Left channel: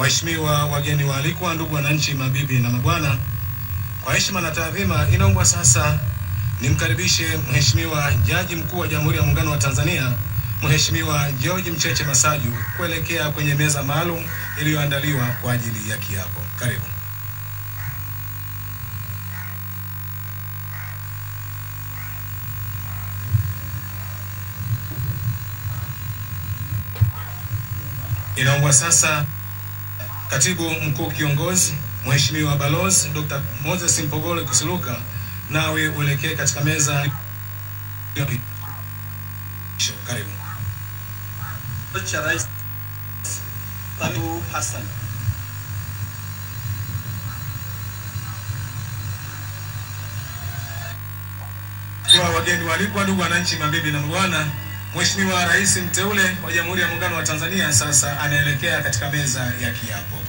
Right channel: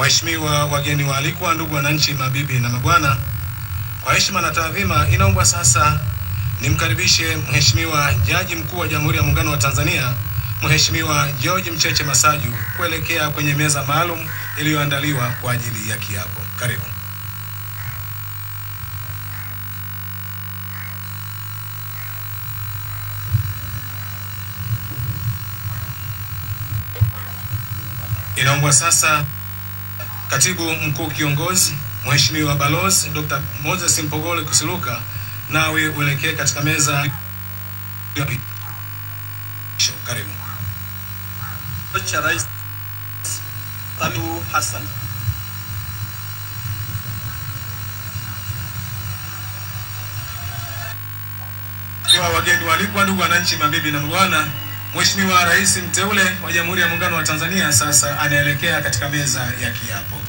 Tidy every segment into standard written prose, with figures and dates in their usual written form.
Waheshimiwa wageni waalikwa, ndugu wananchi, mabibi na mabwana, kwa heshima na taadhima, inaomba sasa nimkaribishe Mheshimiwa Jaji Mkuu wa Jamhuri ya Muungano wa Tanzania, Mheshimiwa George Mcheche Masaju, kuelekea kwenye meza maalum iliyoandaliwa kwa ajili ya kiapo. Karibu. Inaomba sasa Katibu Mkuu Kiongozi Mheshimiwa Balozi Dr. Moses Mpogole Kusiluka, nawe uelekee katika meza ya karibu. Rais Suluhu Hassan. Kwa wageni waalikwa, ndugu wananchi, mabibi na mabwana, Mheshimiwa Rais mteule wa Jamhuri ya Muungano wa Tanzania sasa anaelekea katika meza ya kiapo.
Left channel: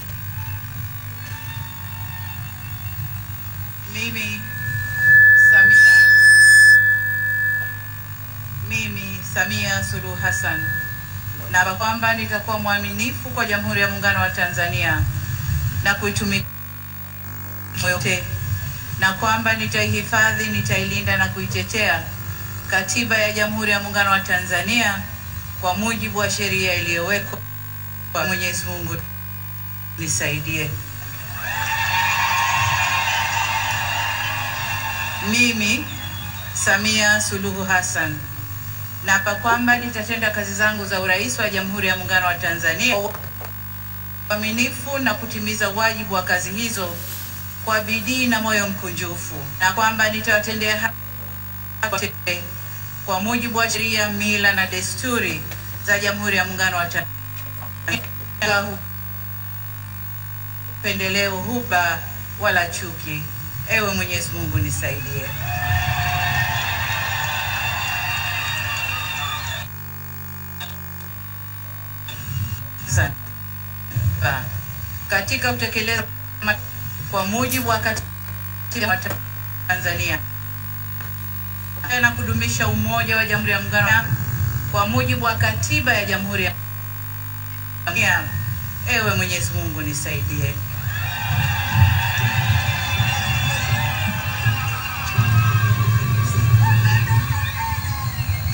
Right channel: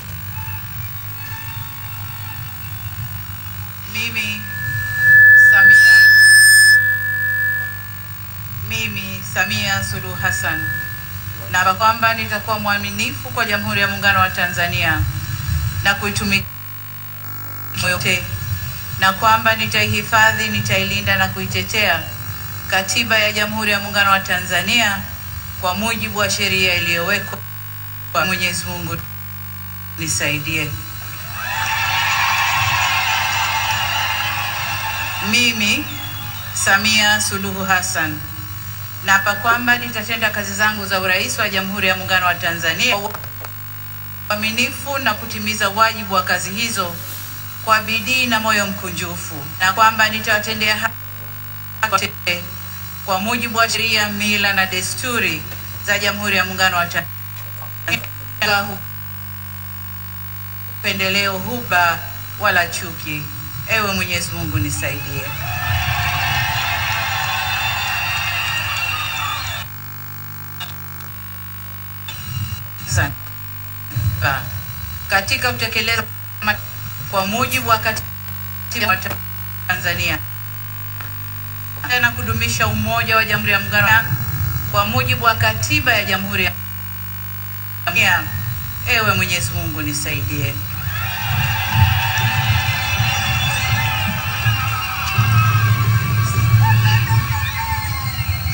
Mimi Samia Suluhu Hassan naapa kwamba nitakuwa mwaminifu kwa Jamhuri ya Muungano wa Tanzania na kuitumikia yote, na kwamba nitaihifadhi, nitailinda na kuitetea Katiba ya Jamhuri ya Muungano wa Tanzania kwa mujibu wa sheria iliyowekwa. Kwa Mwenyezi Mungu nisaidie. Mimi Samia Suluhu Hassan naapa kwamba nitatenda kazi zangu za urais wa Jamhuri ya Muungano wa Tanzania kwa uaminifu na kutimiza wajibu wa kazi hizo kwa bidii na moyo mkunjufu, na kwamba nitawatendea haki kwa mujibu wa sheria, mila na desturi za Jamhuri ya Muungano wa Tanzania, upendeleo, huba wala chuki. Ewe Mwenyezi Mungu nisaidie. Katika kutekeleza kwa mujibu wa Katiba ya Tanzania na kudumisha umoja wa Jamhuri ya Muungano kwa mujibu wa Katiba ya Jamhuri ya Tanzania. Ewe Mwenyezi Mungu nisaidie.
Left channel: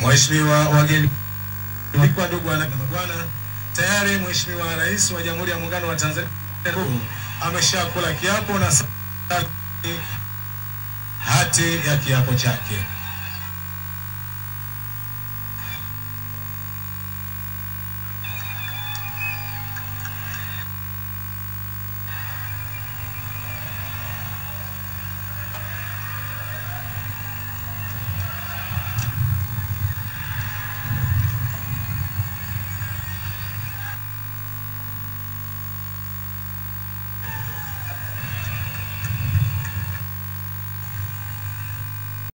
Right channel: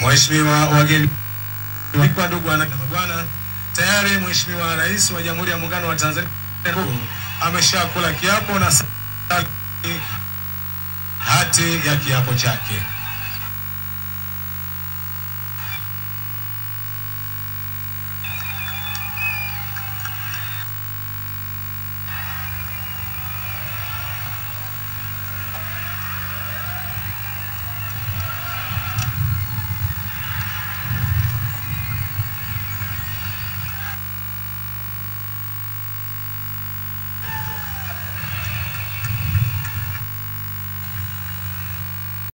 Mheshimiwa wageni waalikwa, ndugu na mabwana, tayari Mheshimiwa Rais wa Jamhuri ya Muungano wa Tanzania ameshakula kiapo na hati ya kiapo chake.